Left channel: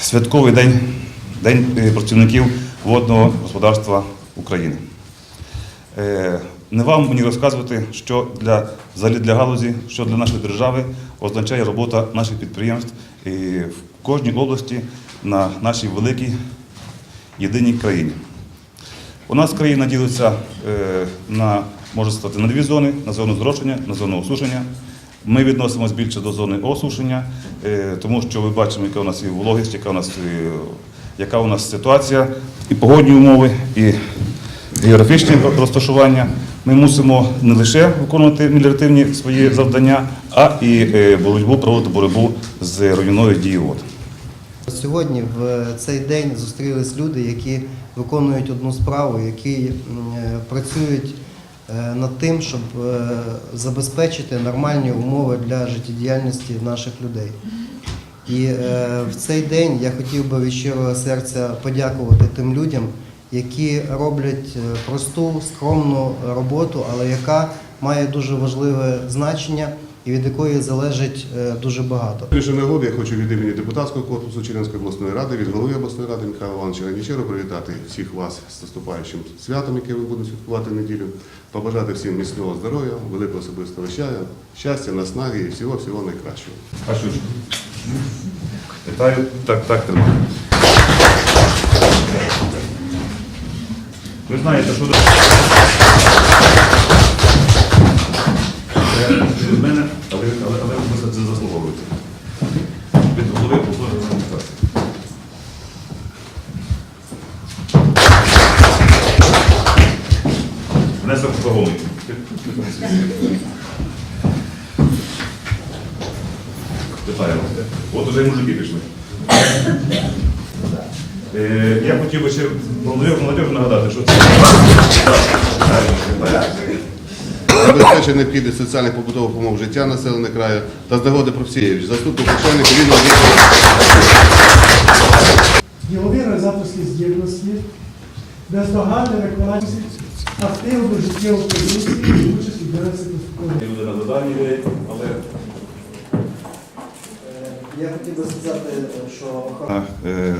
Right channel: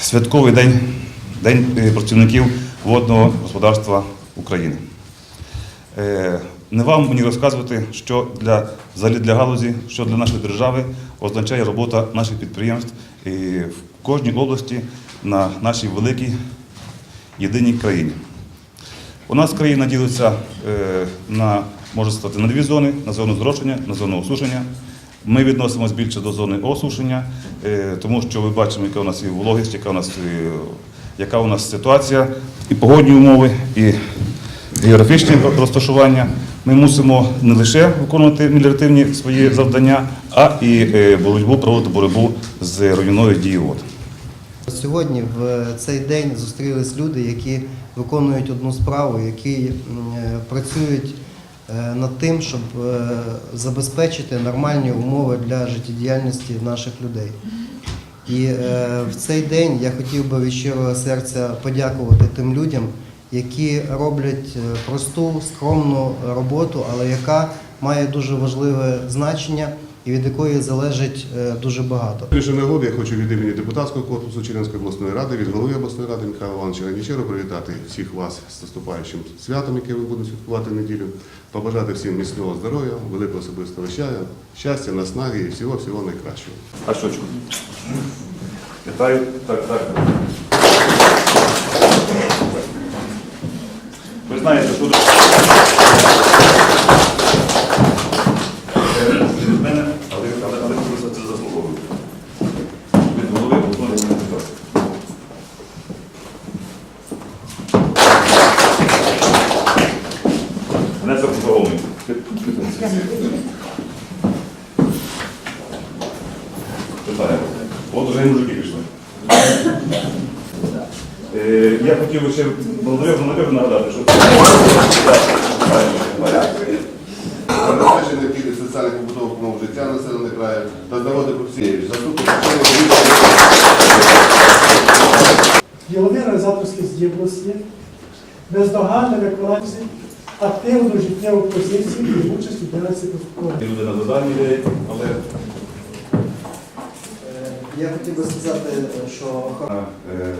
святковий день, День е, працівників водного господарства України. Е, Не вам мені розказувати, що для, взагалі для галузі, що для нашої держави означає робота наших підприємств і в кожній області на нашій великій єдиній країні. У нас країна ділиться е, на, можна сказати, на дві зони: на зону зрошення, на зону осушення. Ми відносимося більше до зони осушення, е, тому що ми бачимо, яка у нас і вологість, яка у нас, яка у нас ситуація, і погодні умови, і географічні розташування. Ми мусимо не лише виконувати меліоративні свої завдання, а і е, боротьбу проводити боротьбу з руйною дією вод. Сьогодні в цей день зустрілись люди, які виконують одну справу, які е, працюють над тим, щоб е, забезпечити нормальні умови для життєдіяльності наших людей. І е, в цей день я хотів би від щирого серця подякувати тим людям, які роблять е, просту, скромну роботу, але яка має дуже важливе значення і від якої залежить е, дуже багато. Більше нагоди я хочу від імені депутатського корпусу Чернівської обласної ради, від голови обласної ради Михайла Івановича Ранічера привітати всіх вас з наступаючим святом, яке ви будете святкувати неділю, побажати всім міцного здоров'я, великого особистого щастя, щастя, наснаги і всього-всього найкращого. А щочку? Вітаю. Так, так. так. Ви знаєте, що Це від мене, але, але, але ви за це заслуговуєте. Від голови обласної адміністрації. Внесок заголовник. От уже і мужики пішли. Е, Я хотів би ще Володимиру нагадати, що це Забезпечення необхідних соціальних побутових умов життя населених краю та з нагоди Профсієвич, заступник начальника відділу. ділові організаторські здібності, бездоганне виконання активну життєву позицію і участь у і люди на заданні є, але Е, Я хотів би сказати, що охорона на е,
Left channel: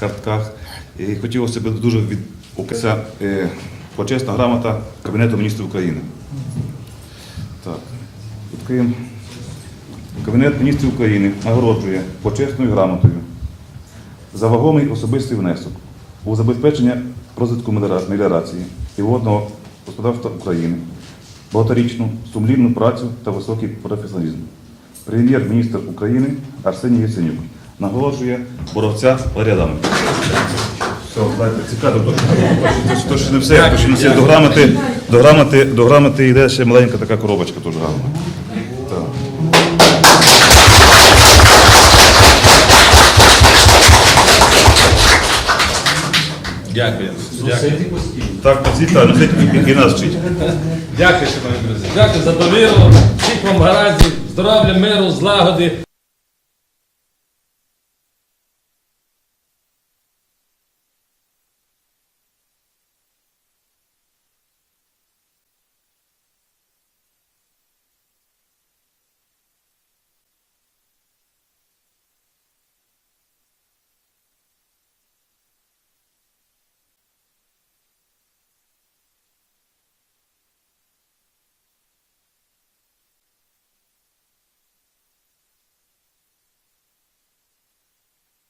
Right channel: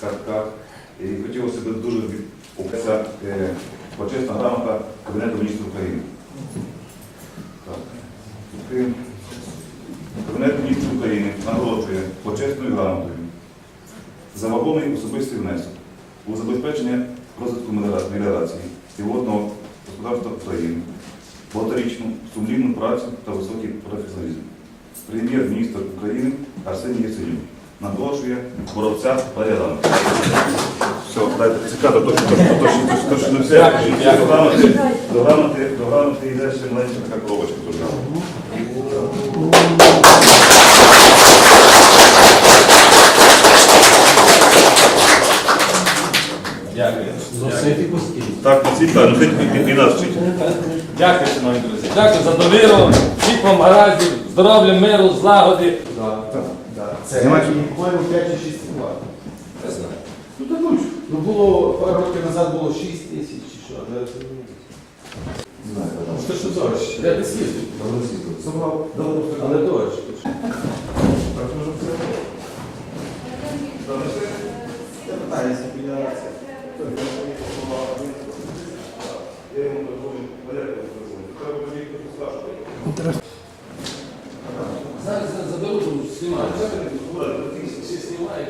картках. І хотілося б дуже відпокися е, почесна грамота Кабінету міністрів України. Так. Кабінет міністрів України нагороджує почесною грамотою за вагомий особистий внесок у забезпечення розвитку меліора- меліорації і водного господарства України, багаторічну сумлінну працю та високий професіоналізм. Прем'єр-міністр України Арсеній Яценюк наголошує боровця рядами. Все, дайте цікаво, то, що- то, що- то, що не все, то, що не все. До грамоти, до грамоти, до грамоти йде ще маленька така коробочка теж грамота. Дякую. Так, носіть, так, носіть і, і нас вчить. Дякую, шановні друзі. Дякую за довіру. Всіх вам гараздів, здоров'я, миру, злагоди. Знімаєш? По-моєму, 5 чи 6 ват. Не знаю. Ну так ну, ну було пару років назад було 6 тисяч чи що, а зараз не знаю. Що що дощ? Я десь їздив. Собрав, але дощ. Я питаюся, Зараз заберу, знімаю. Всі знімають.